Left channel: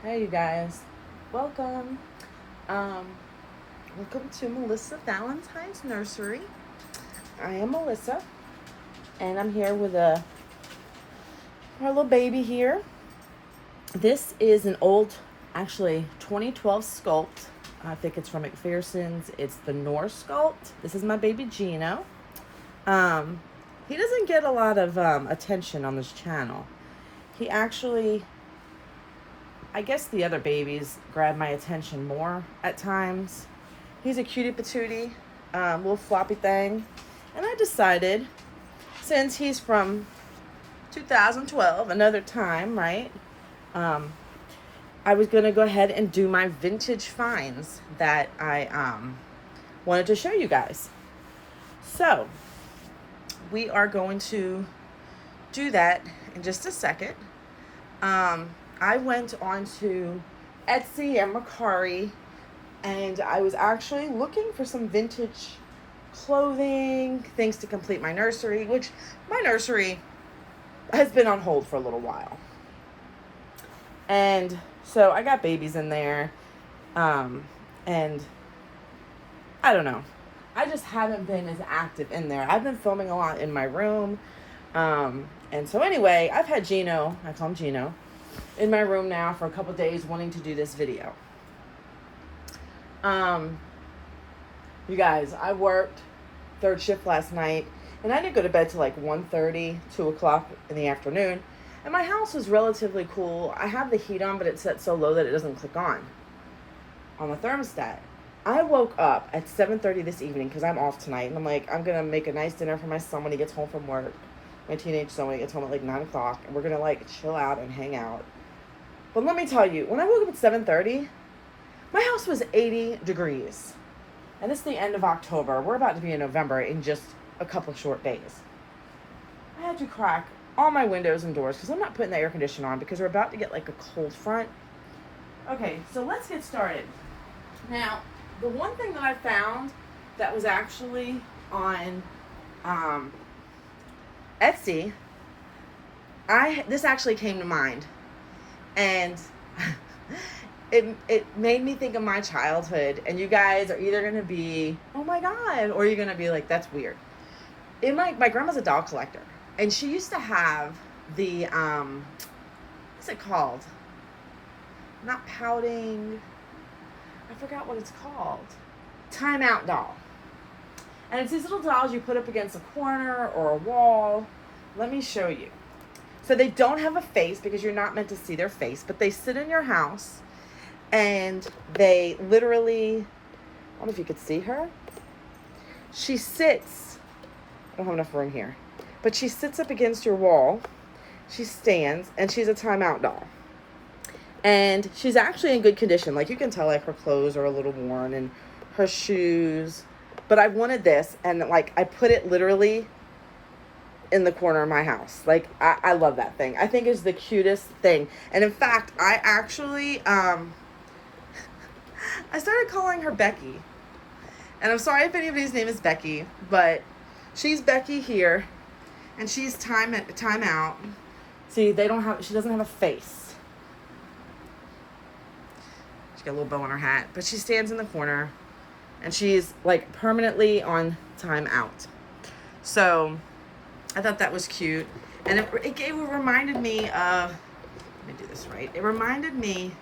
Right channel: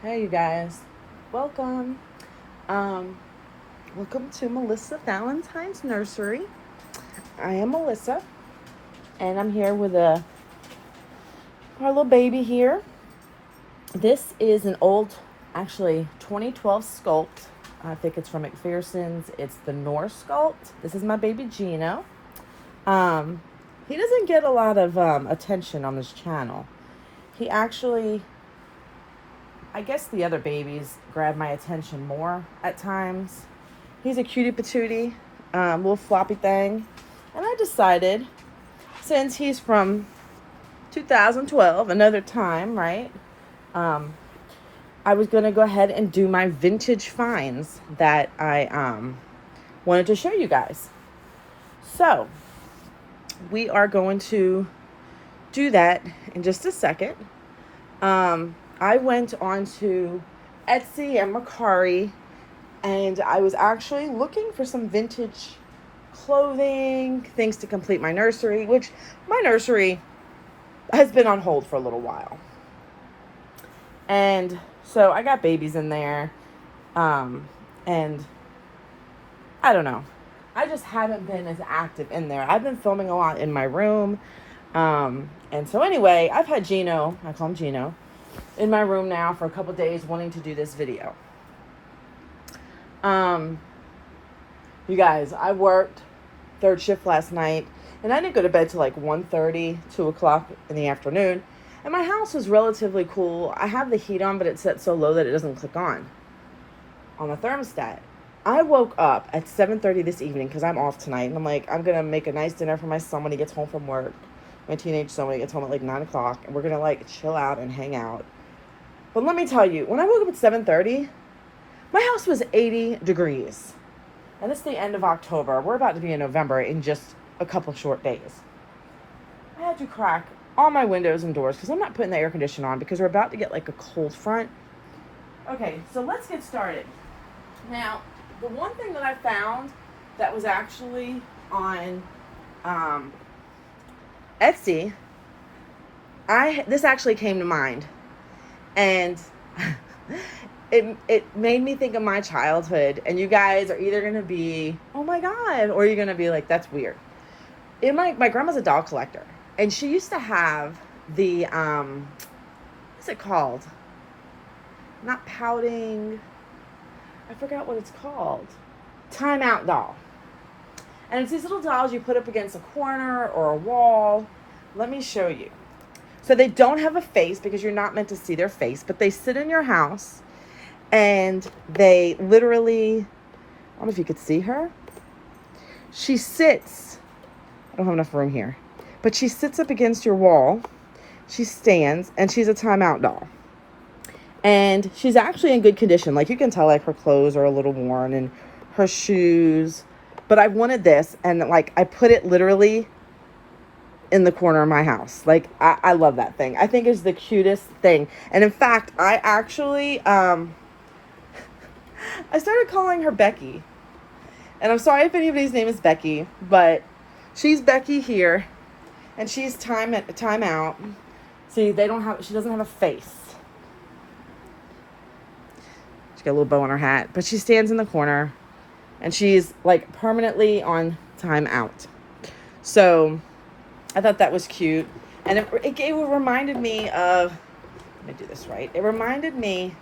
Hey you guys, welcome. Um, welcome to Melissa Valentine's Nursery. I am Melissa, and I'm here with our little baby here. This is an old, actually 2012 sculpt. I think it's from McPherson's. It's the Norse sculpt. This is my baby Gino. Um, he doesn't get a lot of attention on this channel. He actually, I guess the other babies grab my attention more at times. He's a cutie patootie, little floppy thing. And I decided, since he's from 2012, another time, right? I was going to go ahead and do my vintage finds that I wanted to show you guys. So, we are going to do that in just a second. I went on to Etsy and Mercari, and I was actually looking for some vintage clothing, things to complete my nursery, which my nursery has been on hold for a little while. And so I got babies in there, and I don't know. I just haven't been as active in there. I've been filming a lot in my room. And so anyway, I've had Gino, I call him Gino, in my room now for a couple days wanting to do this video. You guys, I worked third shift last night, and I didn't go to bed till like 1:30, 2 o'clock in the afternoon. And my house was relatively cool. I have the heat on, but it's set so low that it doesn't click on the thermostat. I woke up at 7:30 this evening because I'm off tonight. And I'm like, I'm going to make a nice dinner for my son when he gets home from work. My teenage son when he gets home at like 9 o'clock. And we're going to like chill out and hang out. But let me tell you, when I woke up at 7:30, my house was 80 degrees. And this is the end of October. We're about to be in November in just a couple short days. I had to crack all my windows and doors because I'm not putting the air conditioner on because we're about to get like a cold front. Okay, so let's get started. Now, the one thing that I found that was actually on Etsy, this actually came to mind. And it made me think of my childhood. And you guys are either going to be, oh my God, or you're going to be like, that's weird. My grandma's a doll collector. And she used to have the, what's it called? Not pouting. I forgot what it's called. Time Out doll. And it's these little dolls you put up against a corner or a wall. Let me show you. So they don't have a face because you're not meant to see their face, but they sit in your house and they literally, I don't know if you could see her. She sits, I don't have enough room here, but she sits up against your wall. She stands and she's a Time Out doll. And she's actually in good condition. Like you can tell like her clothes are a little worn and her shoes. But I wanted this and like I put it literally in the corner of my house. Like I love that thing. I think it's the cutest thing. And in fact, I actually I started calling her Becky. And I'm sorry if anybody's name is Becky, but she's Becky here and she's Time Out. See, she doesn't have a face. She's got a little bow on her hat, but she stands in the corner and she's like permanently on Time Out. So I thought that was cute. And it reminded me of, let me do this right. It reminded me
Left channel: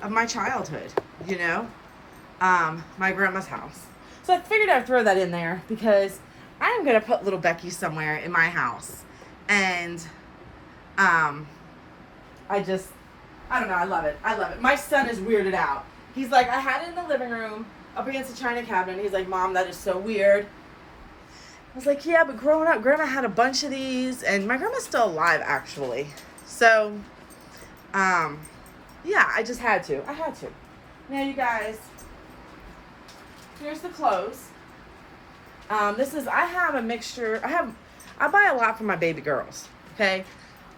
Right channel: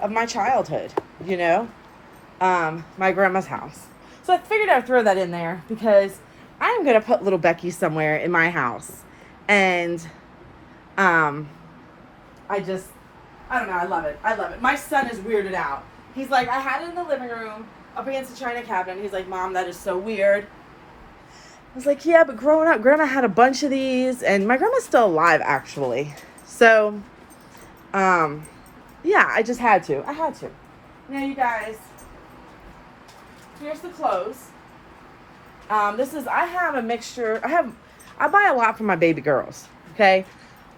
of my childhood, you know, my grandma's house. So I figured I'd throw that in there because I'm going to put little Becky somewhere in my house. And I don't know. I love it. I love it. My son is weirded out. He's like, I had it in the living room up against the china cabinet. He's like, Mom, that is so weird. I was like, yeah, but growing up, Grandma had a bunch of these. And my grandma's still alive, actually. So, yeah, I just had to. I had to. Now, you guys, here's the clothes. I have a mixture. I buy a lot for my baby girls, okay?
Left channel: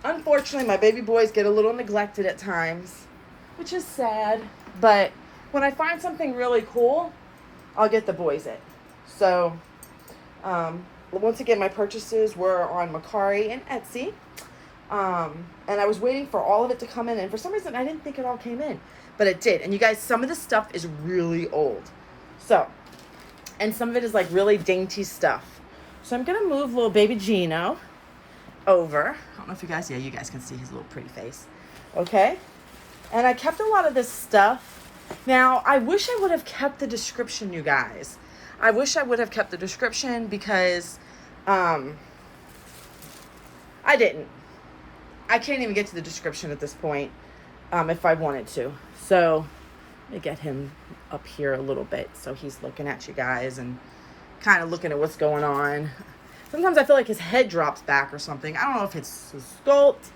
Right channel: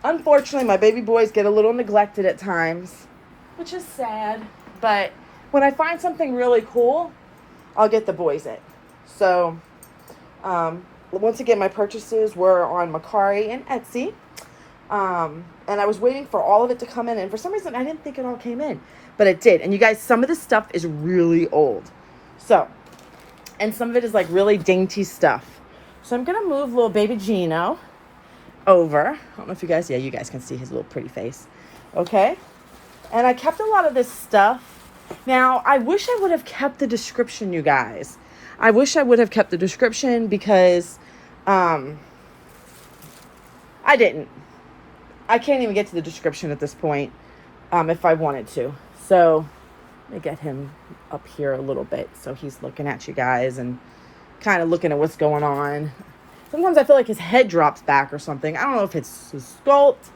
Unfortunately, my baby boys get a little neglected at times, which is sad. But when I find something really cool, I'll get the boys it. So, once again, my purchases were on Mercari and Etsy. And I was waiting for all of it to come in, and for some reason I didn't think it all came in, but it did. And you guys, some of this stuff is really old. So, and some of it is like really dainty stuff. So I'm gonna move little baby Gino over. I don't know if you guys, yeah, you guys can see his little pretty face. Okay. And I kept a lot of this stuff. Now, I wish I would have kept the description, you guys. I wish I would have kept the description because I didn't. I can't even get to the description at this point if I wanted to. So let me get him up here a little bit so he's looking at you guys and kind of looking at what's going on. Sometimes I feel like his head drops back or something. I don't know if it's his sculpt.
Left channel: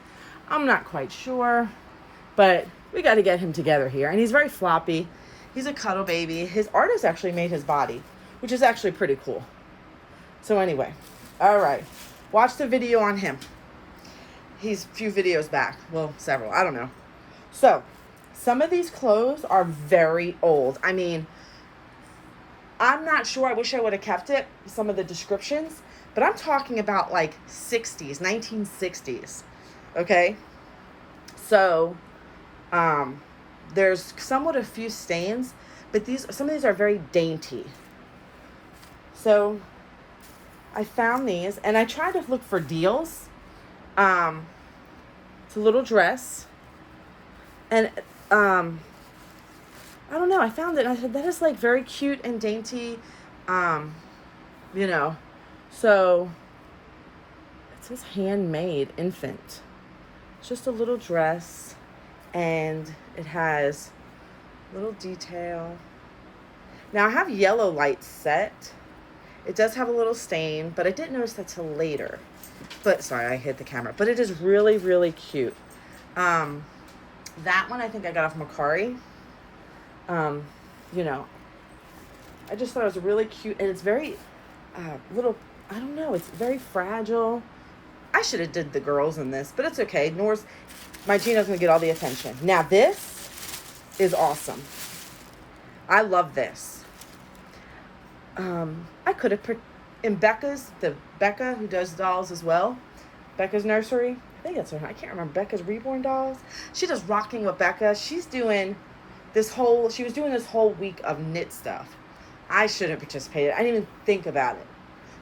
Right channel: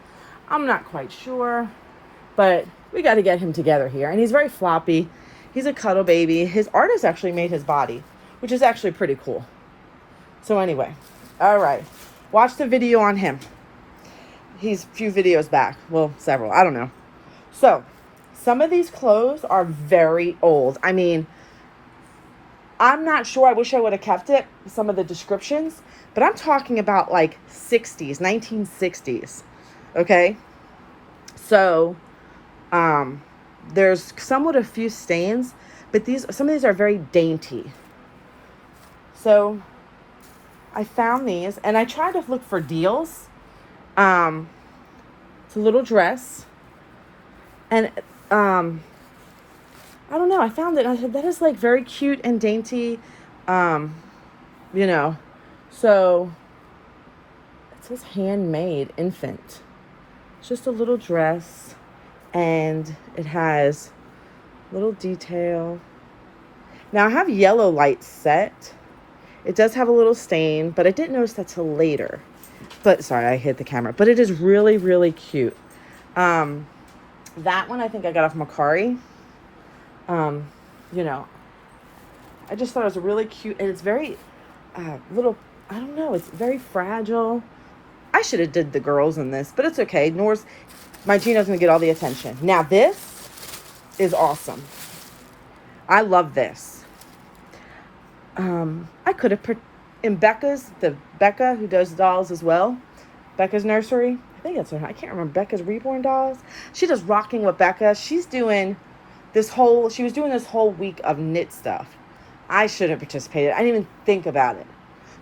I'm not quite sure. But we got to get him together here. And he's very floppy. He's a cuddle baby. His artist actually made his body, which is actually pretty cool. So anyway, all right. Watch the video on him. He's a few videos back. Well, several. I don't know. So, some of these clothes are very old. I mean, I'm not sure. I wish I would have kept it, some of the descriptions. But I'm talking about like 60s, 1960s. Okay? So, there's some with a few stains, but some of these are very dainty. So, I found these, and I tried to look for deals. It's a little dress, and I don't know, I found it, I said, that is like very cute and dainty, you know, so it says handmade infant. It's just a little dress, and it has little detail. Now I have yellow lights set. It does have a little stain, but I didn't notice that till later. But sorry, I hit the camera. But it is really, really cute. That one I think I got off Macari. You know, I just thought it was really cute, and it's very little. I don't know. It's very fragile. I should have did the girls in this, but it's okay. My Gino's gonna get all the attention. Now this is awesome. I love this. I could have put in Becca who does dolls as well. Becca's Nursery. I think it's her. I can't remember. Becca's Reborn dolls. She does Rocking with Becca. She was doing this whole week of knit stuff. I should have participated. I didn't even think about it.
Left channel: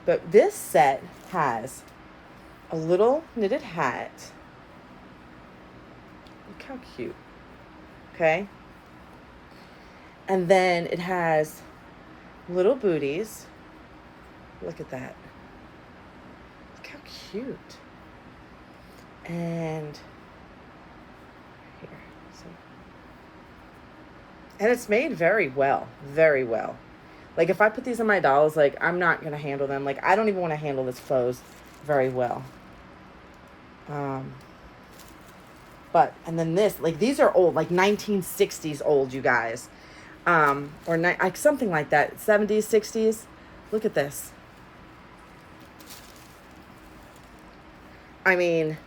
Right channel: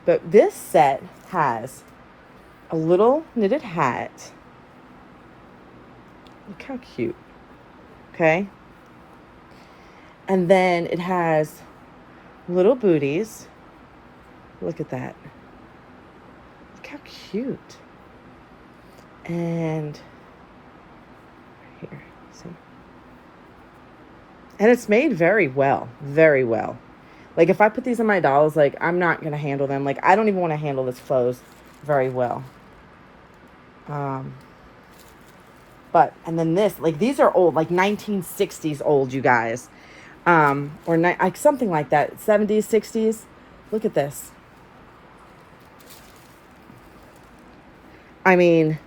But this set has a little knitted hat. Look how cute. Okay. And then it has little booties. Look at that. Look how cute. And here, see. And it's made very well. Very well. Like if I put these in my dolls, like I'm not going to handle them. Like I don't even want to handle this clothes very well. But, and then this, like these are old, like 1960s old, you guys. Or like something like that, 70s, 60s. Look at this. I mean,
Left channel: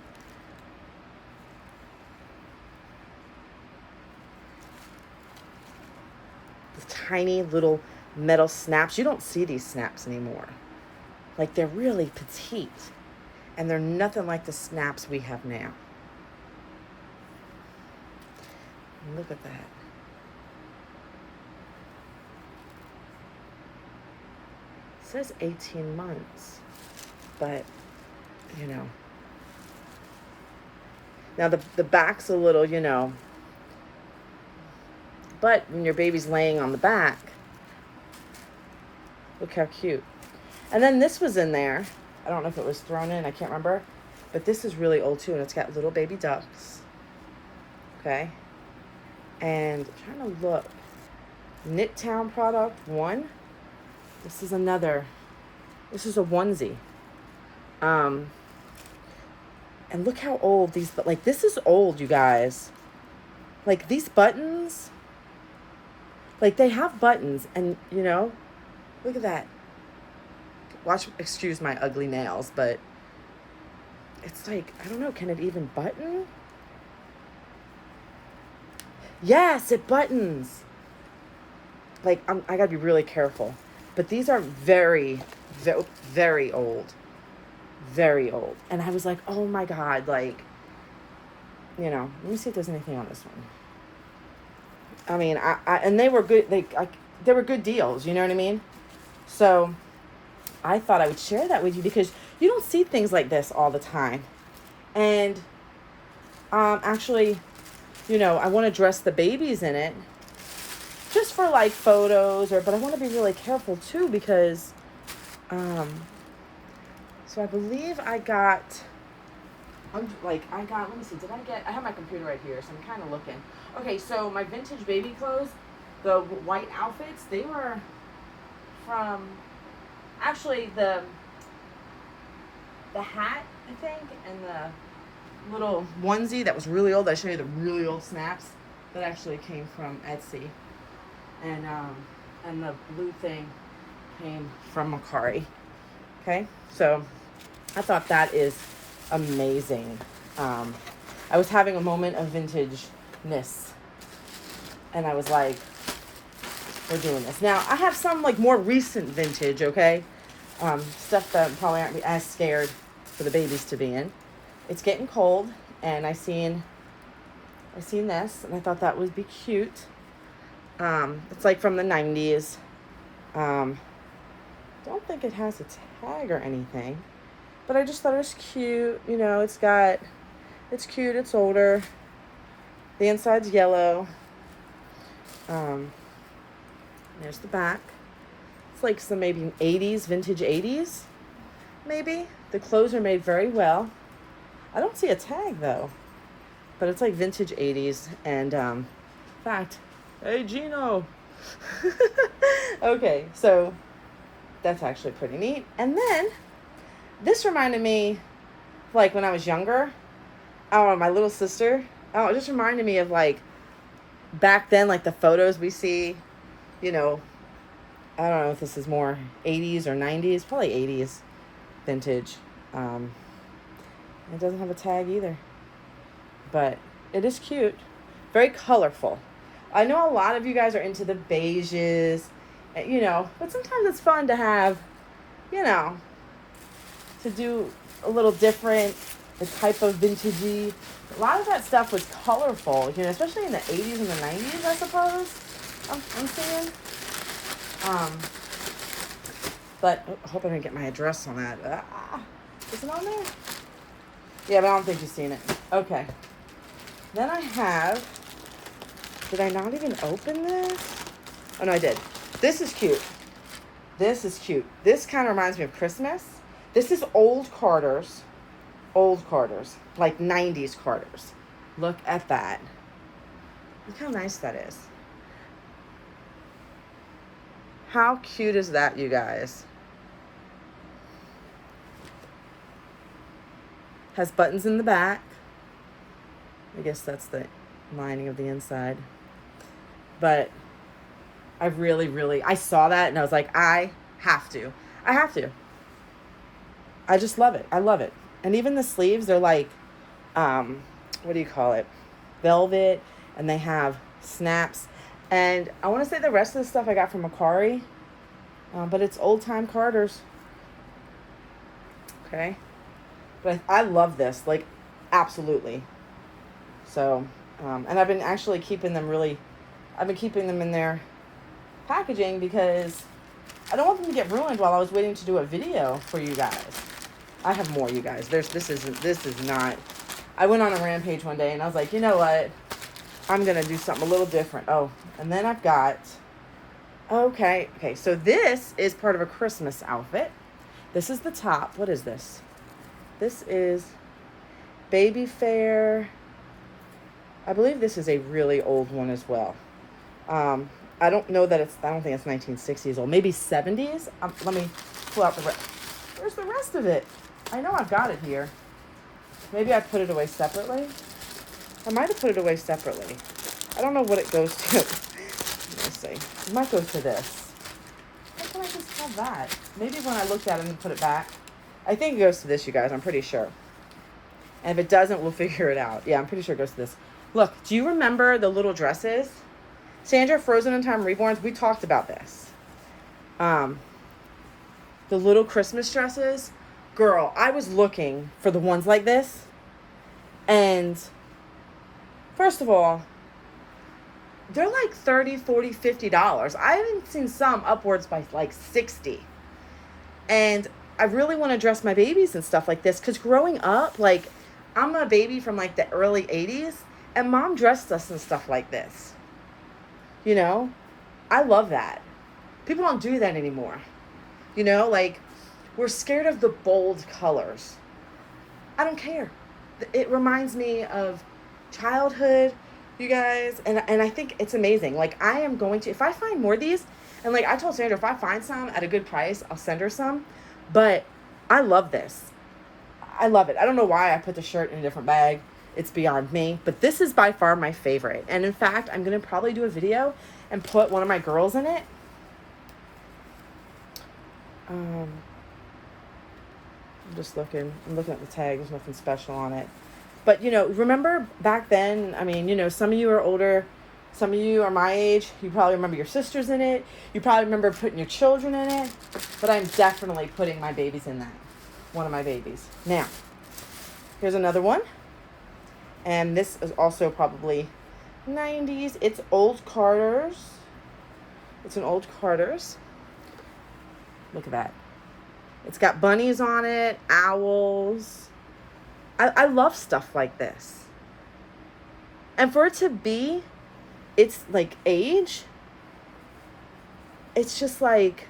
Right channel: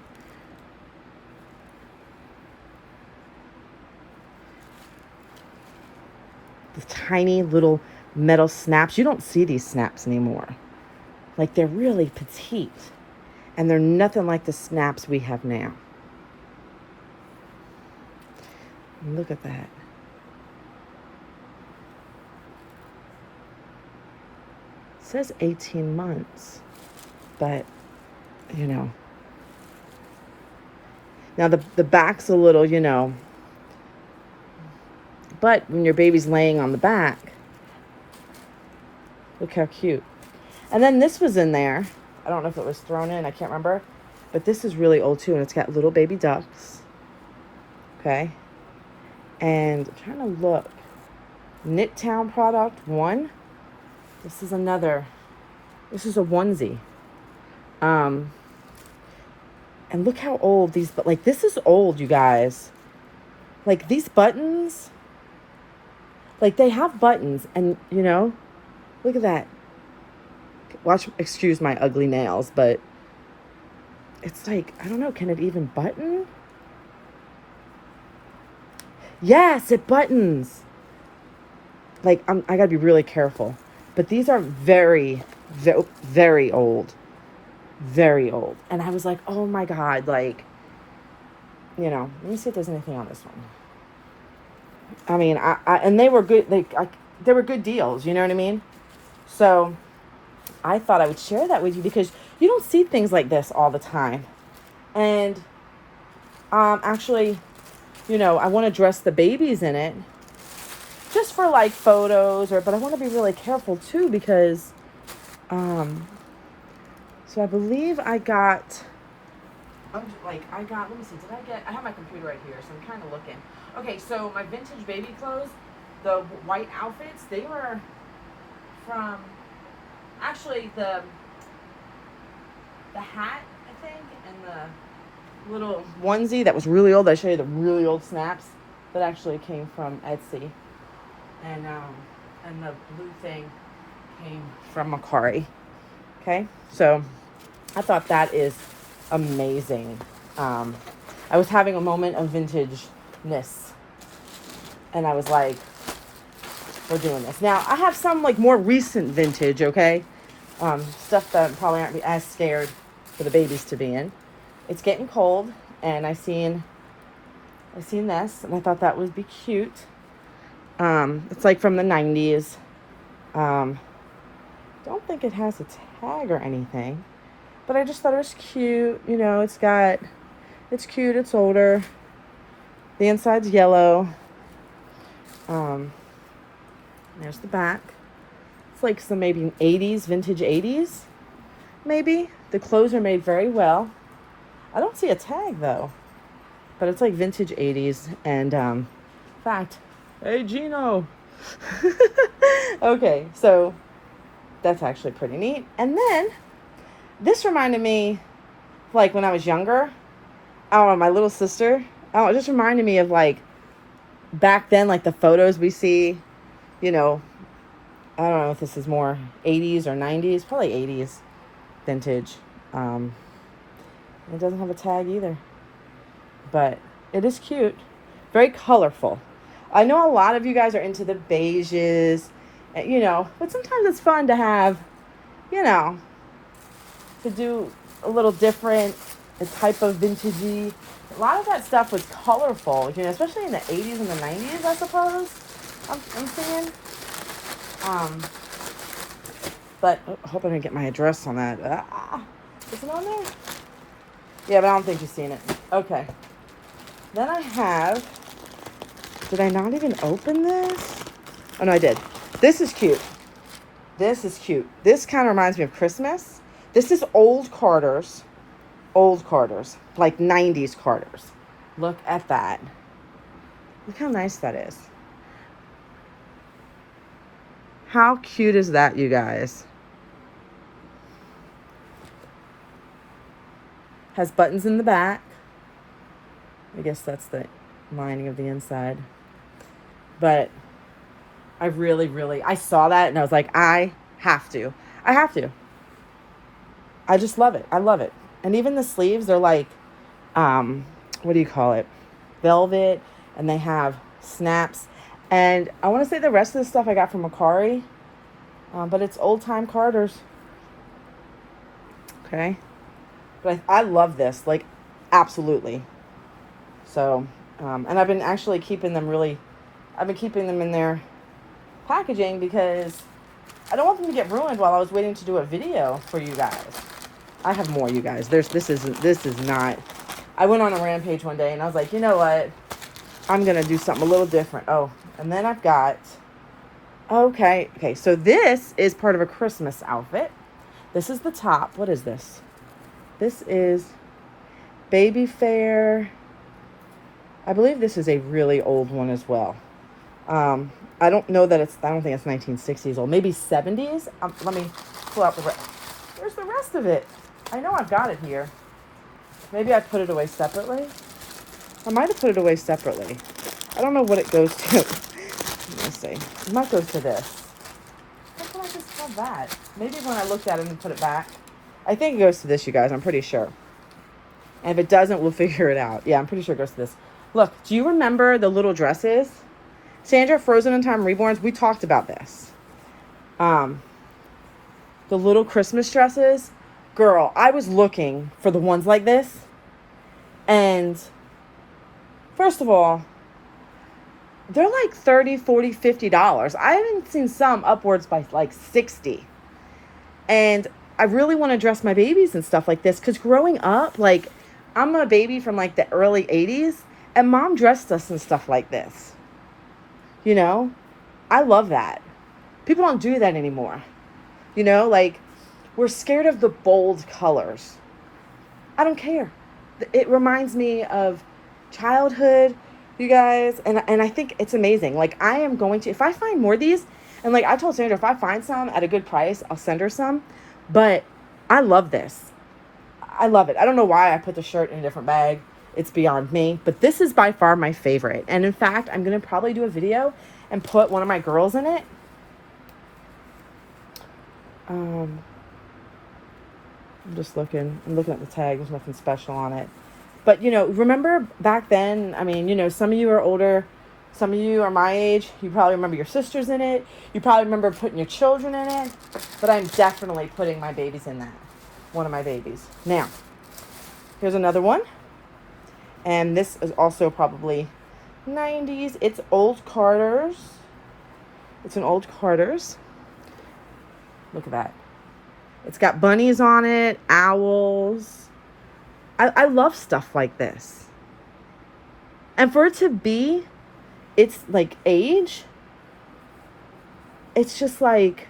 the tiny little metal snaps. You don't see these snaps anymore. Like they're really petite, and they're nothing like the snaps we have now. Look at that. It says 18 months, but you know. Now the back's a little, you know, but when your baby's laying on the back, look how cute. And then this was in there. I don't know if it was thrown in, I can't remember. But this is really old too, and it's got little baby ducks. Okay. And I'm trying to look. Knit Town product 1. This is another. This is a onesie. And look how old these, like this is old, you guys. Like these buttons, like they have buttons, and you know, look at that. Excuse my ugly nails, but it's like, I don't know, can it even button? Yes, it buttons. Like, I gotta be really careful. But these are very, very, very old. Very old. And I was like, oh my God, like, you know, let me see if there's anything on this one. I mean, and they were good. They were good deals. You know what I mean? So I thought I would share that with you because you don't see things like this all the time. And actually, you know, I want to dress the babies in it just for like photos, but I want to be really careful too because, so I believe I got, let me see, I have my computer right here, so I'm kind of looking. Okay, so my vintage baby clothes, the white outfits, they were from, actually the hat, I think, and the little onesie that was really old. I'll show you the really old snaps that actually came from Etsy. And the blue thing came from Macari. Okay, so I thought that is amazing. I was having a moment of vintageness, and I was like, we're doing this. Now, I have some like more recent vintage, okay? Stuff that probably aren't as scared for the babies to be in. It's getting cold, and I seen this, and I thought that would be cute. It's like from the 90s. Don't think it has a tag or anything, but I just thought it was cute. You know, it's cute, it's older. The inside's yellow. There's the back. It's like some maybe 80s, vintage 80s, maybe. The clothes are made very well. I don't see a tag though, but it's like vintage 80s. And in fact, hey Gino. Okay, so that's actually pretty neat. And then this reminded me, like when I was younger, I don't know, my little sister, it just reminded me of like back then, like the photos we see, you know, I don't know if this is more 80s or 90s, probably 80s vintage. It doesn't have a tag either, but it is cute, very colorful. I know a lot of you guys are into the beiges, you know, but sometimes it's fun to have, you know, to do a little different, the type of vintagey. A lot of that stuff was colorful, you know, especially in the 80s and the 90s, I suppose, I'm seeing. But I hope I didn't get my address on that. Is it on there? Yeah, but I don't think you've seen it. Okay. Then I have, did I not even open this? Oh, no, I did. This is cute. This is cute. This kind of reminds me of Christmas. This is old Carter's. Old Carter's. Like 90s Carter's. Look at that. Look how nice that is. How cute is that, you guys? Has buttons in the back. I guess that's the lining of the inside. But I really, I saw that and I was like, I have to. I just love it. I love it. And even the sleeves, they're like, what do you call it? Velvet, and they have snaps. And I want to say the rest of the stuff I got from Macari, but it's old time Carter's. Okay. But I love this, like, absolutely. So, and I've been actually keeping them in their packaging because I don't want them to get ruined while I was waiting to do a video for you guys. I have more, you guys. This is not, I went on a rampage one day and I was like, you know what? I'm going to do something a little different. Oh, and then I've got, okay, so this is part of a Christmas outfit. This is the top. What is this? This is Baby Fair. I believe this is a really old one as well. I don't know that I don't think it's 1960s old. Maybe 70s. Let me pull out the rest. Where's the rest of it? I know I've got it here. Maybe I put it away separately. I might have put it away separately. I don't know what it goes to. Let me see. It might go to this. How can I just have that? Maybe when I looked at it and put it back. I think it goes to this, you guys. I'm pretty sure. And if it doesn't, we'll figure it out. Yeah, I'm pretty sure it goes to this. Look, do you remember the little dresses? Sandra, Frozen in Time, Reborns, we talked about this. The little Christmas dresses. Girl, I was looking for the ones like this. And First of all, they're like $30, $40, $50. I haven't seen some upwards by like 60. And I really want to dress my babies and stuff like this, because growing up, like, I'm a baby from like the early 80s, and mom dressed us in stuff like this. You know? I love that. People don't do that anymore. You know, like, we're scared of the bold colors. I don't care. It reminds me of childhood, you guys, and I think it's amazing. Like, I am going to, if I find more of these, and like I told Sandra, if I find some at a good price, I'll send her some. But I love this. I love it. I don't know why I put the shirt in a different bag. It's beyond me. But this is by far my favorite. And in fact, I'm going to probably do a video and put one of my girls in it. I'm just looking. I'm looking at the tag. There's nothing special on it. But, you know, remember back then, I mean, you know, some of you are older. Some of you are my age. You probably remember your sisters in it. You probably remember putting your children in it. But I'm definitely putting my babies in that. One of my babies. Now, here's another one. And this is also probably 90s. It's old Carter's. It's an old Carter's. Look at that. It's got bunnies on it, owls. I love stuff like this. And for it to be, it's like age. It's just like,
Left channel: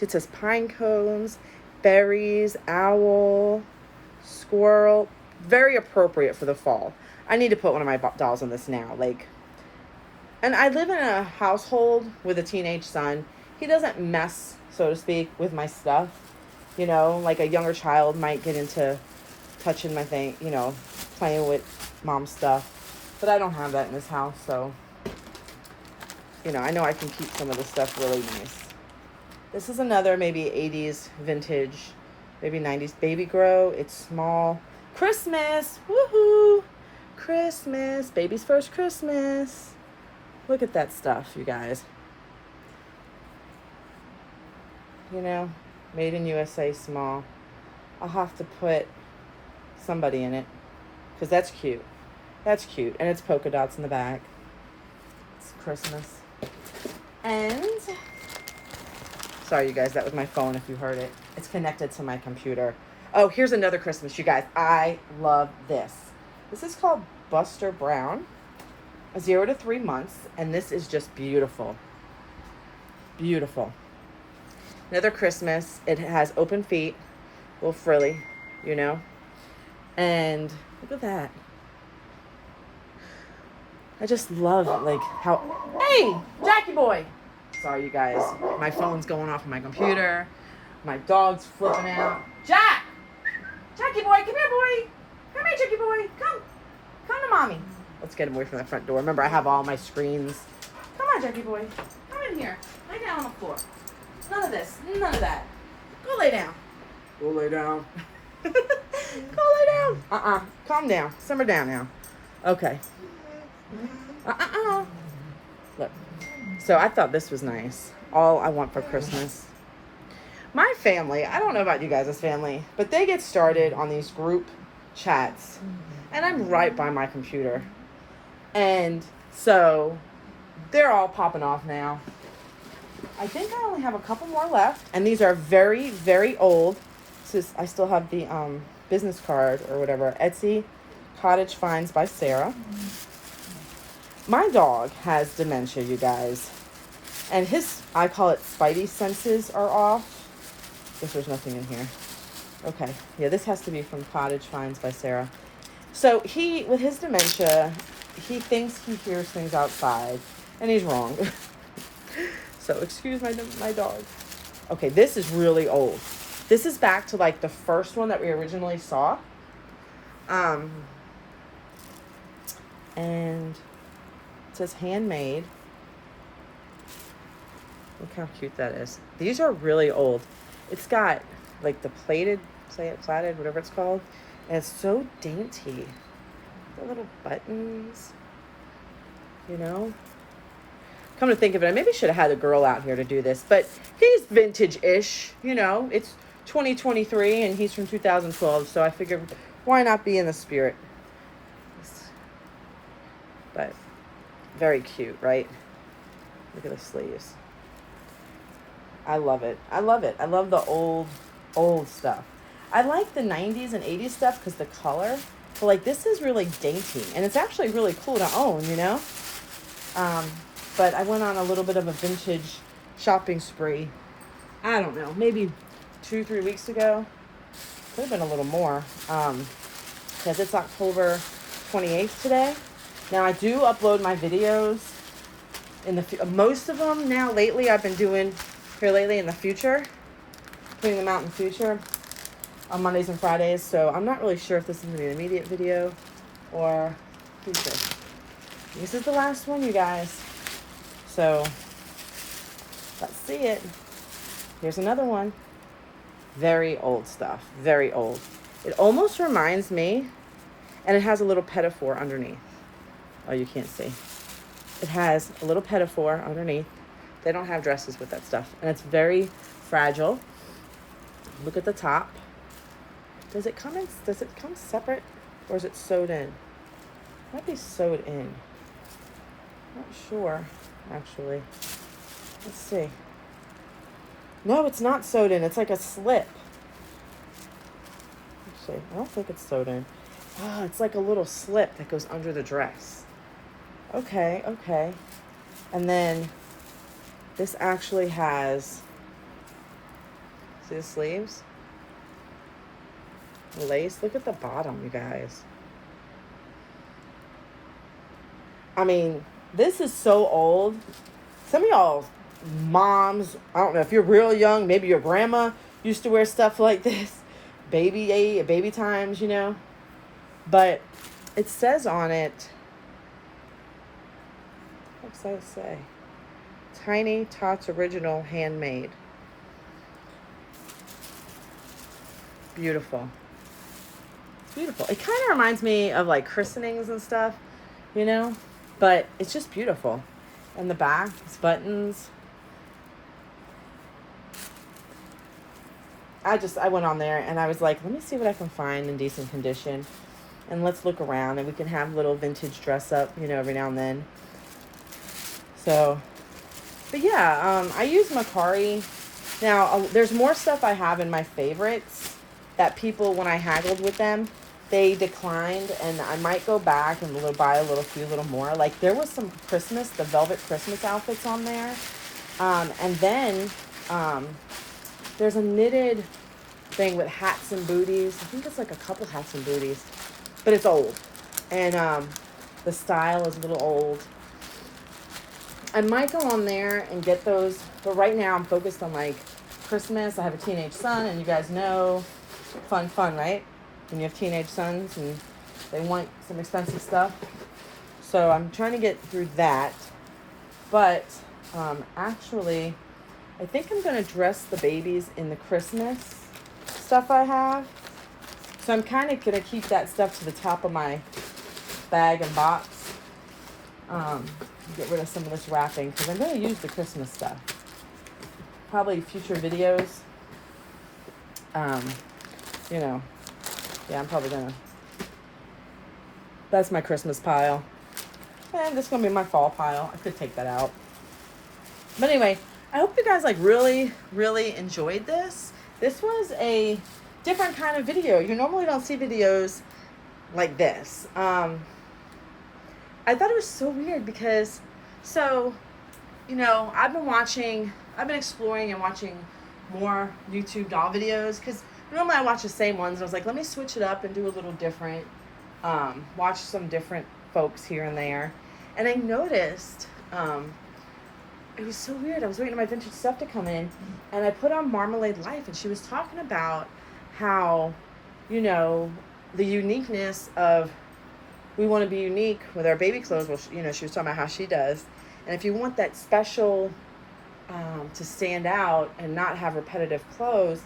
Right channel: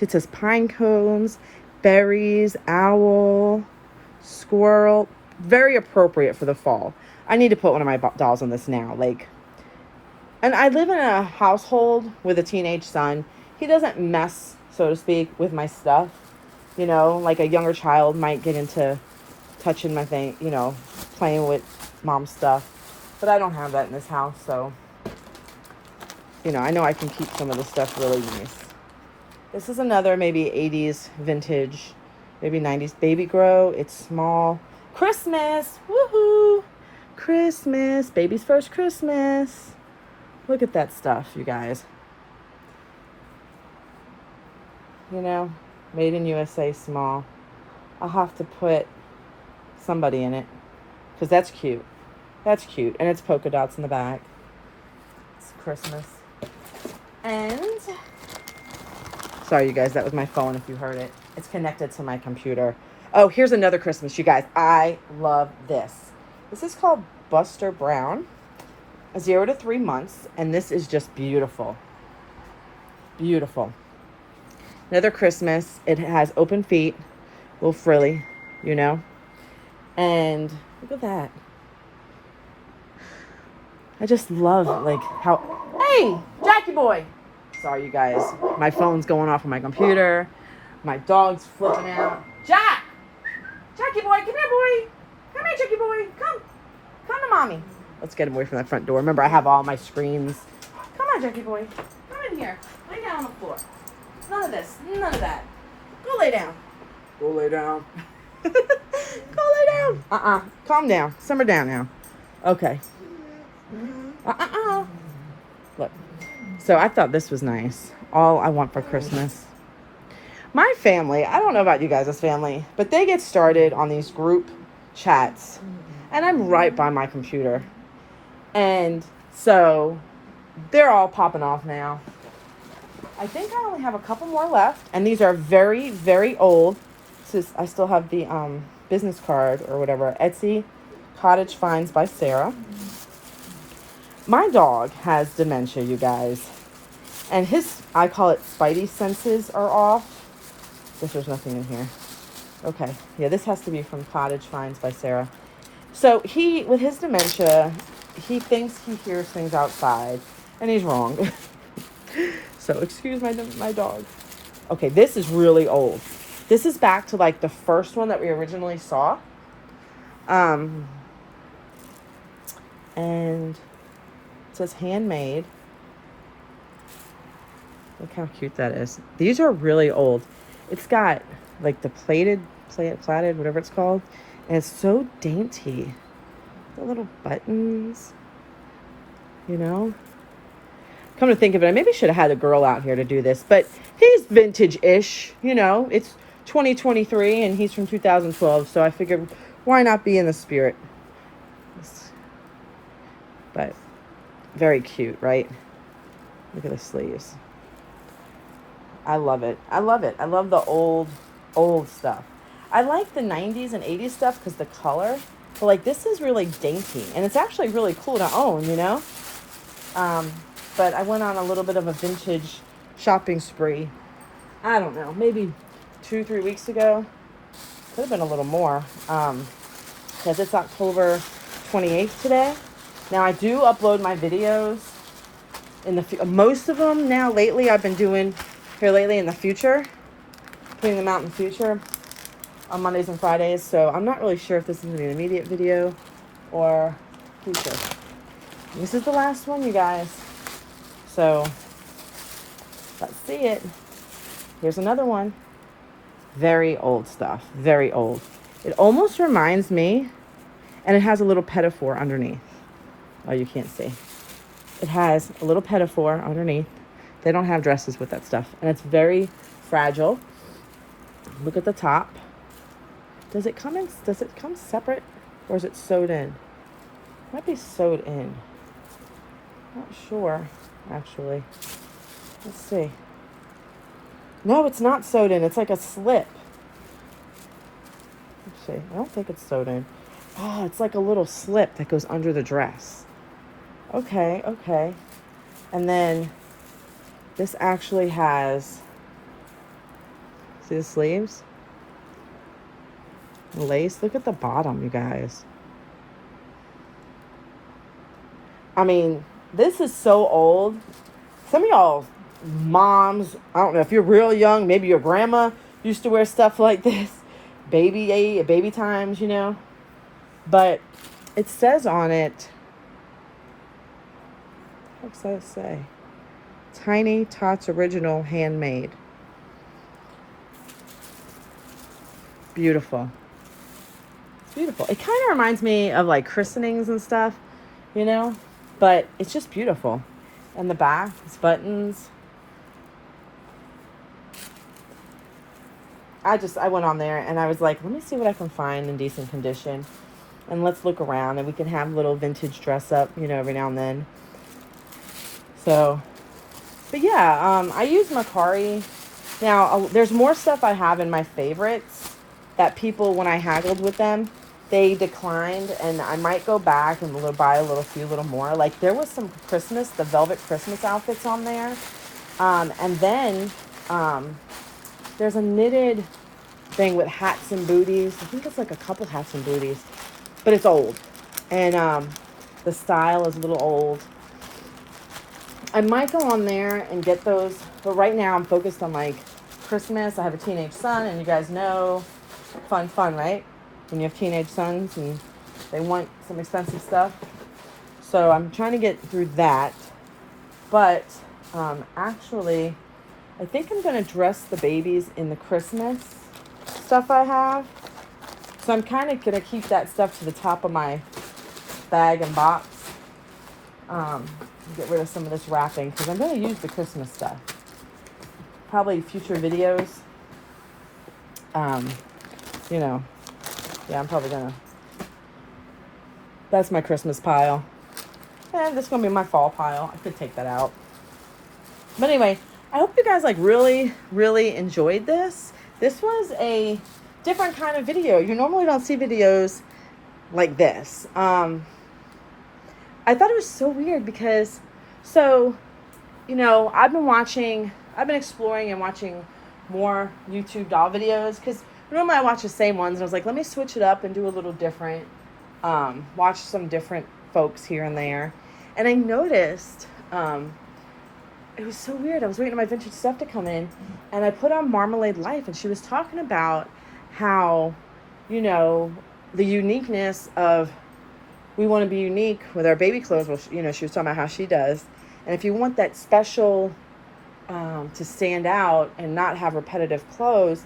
it says pine cones, berries, owl, squirrel. Very appropriate for the fall. I need to put one of my dolls on this now. Like, and I live in a household with a teenage son. He doesn't mess, so to speak, with my stuff. You know, like a younger child might get into touching my thing, you know, playing with mom's stuff. But I don't have that in this house, so, you know, I know I can keep some of this stuff really nice. This is another maybe 80s vintage, maybe 90s baby grow. It's small. Christmas, woohoo! Christmas, baby's first Christmas. Look at that stuff, you guys. You know, made in USA, small. I'll have to put somebody in it, because that's cute. That's cute, and it's polka dots in the back. It's Christmas. And, sorry you guys, that was my phone if you heard it. It's connected to my computer. Oh, here's another Christmas, you guys. I love this. This is called Buster Brown, 0 to 3 months, and this is just beautiful. Beautiful. Another Christmas. It has open feet, a little frilly, you know. And look at that. I just love, like, how... Hey, Jackie boy! Sorry, you guys. My phone's going off on my computer. My dog's flipping out. Jack! Jackie boy, come here, boy. Come here, Jackie boy. Come. Come to mommy. Let's get him away from that front door. Remember, I have all my screens. Come on, Jackie boy. Come in here. Lay down on the floor. None of this. None of that. Go lay down. Go lay down. Go lay down. Calm down. Simmer down now. Okay. Look. So I thought this was nice. All I want for Christmas. My family, I don't know about you guys' family, but they get started on these group chats. And I'm right by my computer. And so they're all popping off now. I think I only have a couple more left. And these are very, very old. So I still have the business card or whatever. Etsy Cottage Finds by Sarah. My dog has dementia, you guys. And his, I call it spidey senses are off. Guess there's nothing in here. Okay. Yeah, this has to be from Cottage Finds by Sarah. So he, with his dementia, he thinks he hears things outside. And he's wrong. So excuse my dog. Okay, this is really old. This is back to like the first one that we originally saw. And it says handmade. Look how cute that is. These are really old. It's got like the plaited, whatever it's called. And it's so dainty. The little buttons, you know. Come to think of it, I maybe should have had a girl out here to do this, but he's vintage-ish, you know. It's 2023 and he's from 2012, so I figured why not be in the spirit. very cute, right? Look at the sleeves. I love it. I love it. I love the old stuff. I like the 90s and 80s stuff because the color. But like this is really dainty. And it's actually really cool to own, you know? But I went on a little bit of a vintage shopping spree. I don't know, maybe 2-3 weeks ago. Could have been a little more. Because it's October 28th today. Now I do upload my videos in the most of them now lately I've been doing here lately in the future, putting them out in the future on Mondays and Fridays. So I'm not really sure if this is gonna be an immediate video or future. This is the last one, you guys. So let's see it. Here's another one. Very old stuff, very old. It almost reminds me, and it has a little petti-for underneath. Oh, you can't see. It has a little petti-for underneath. They don't have dresses with that stuff. And it's very fragile. Look at the top. Does it come separate or is it sewed in? It might be sewed in. Not sure, actually. Let's see. No, it's not sewed in. It's like a slip. Let's see. I don't think it's sewed in. Oh, it's like a little slip that goes under the dress. Okay, okay. And then this actually has, see the sleeves? Lace. Look at the bottom, you guys. I mean, this is so old. Some of y'all moms, I don't know if you're real young, maybe your grandma used to wear stuff like this. Baby times, you know. But it says on it, what does that say? Tiny Tots Original Handmade. Beautiful. Beautiful. It kind of reminds me of like christenings and stuff, you know, but it's just beautiful. And the back, it's buttons. I went on there and I was like, let me see what I can find in decent condition. And let's look around and we can have a little vintage dress up, you know, every now and then. So, but yeah, I use Macari. Now, there's more stuff I have in my favorites that people, when I haggled with them, they declined, and I might go back and buy a few little more. Like there was some Christmas, the velvet Christmas outfits on there. And then there's a knitted thing with hats and booties. I think it's like a couple hats and booties, but it's old. And the style is a little old. I might go on there and get those, but right now I'm focused on like Christmas. I have a teenage son, and you guys know, fun, right? When you have teenage sons and they want some expensive stuff. So I'm trying to get through that. But actually, I think I'm going to dress the babies in the Christmas stuff I have. So I'm kind of going to keep that stuff to the top of my bag and box. Get rid of some of this wrapping because I'm going to use the Christmas stuff. Probably future videos. You know, yeah, I'm probably going to. That's my Christmas pile. And this is going to be my fall pile. I could take that out. But anyway, I hope you guys like really enjoyed this. This was a different kind of video. You normally don't see videos like this. I thought it was so weird because, so, you know, I've been exploring and watching more YouTube doll videos because normally I watch the same ones. And I was like, let me switch it up and do a little different, watch some different folks here and there. And I noticed, it was so weird. I was waiting for my vintage stuff to come in and I put on Marmalade Life and she was talking about how, you know, the uniqueness of, we want to be unique with our baby clothes. Well, you know, she was talking about how she does. And if you want that special, to stand out and not have repetitive clothes,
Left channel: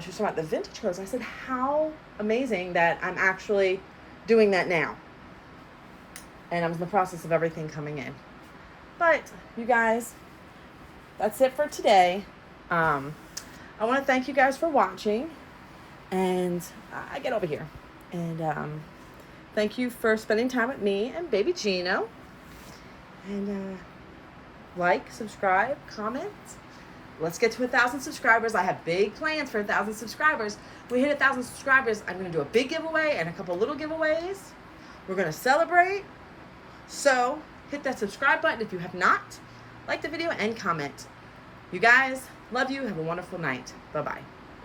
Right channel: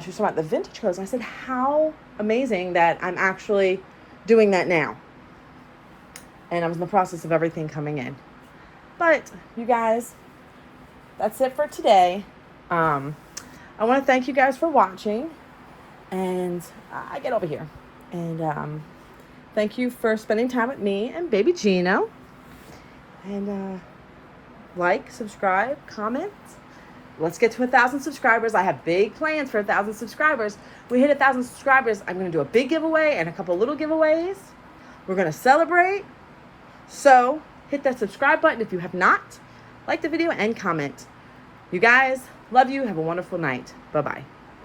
she was talking about the vintage clothes. And I said, how amazing that I'm actually doing that now. And I was in the process of everything coming in. But you guys, that's it for today. I want to thank you guys for watching. And I get over here. And thank you for spending time with me and baby Gino. And like, subscribe, comment. Let's get to 1,000 subscribers. I have big plans for 1,000 subscribers. We hit 1,000 subscribers, I'm going to do a big giveaway and a couple little giveaways. We're going to celebrate. So hit that subscribe button if you have not. Like the video and comment. You guys, love you. Have a wonderful night. Bye-bye.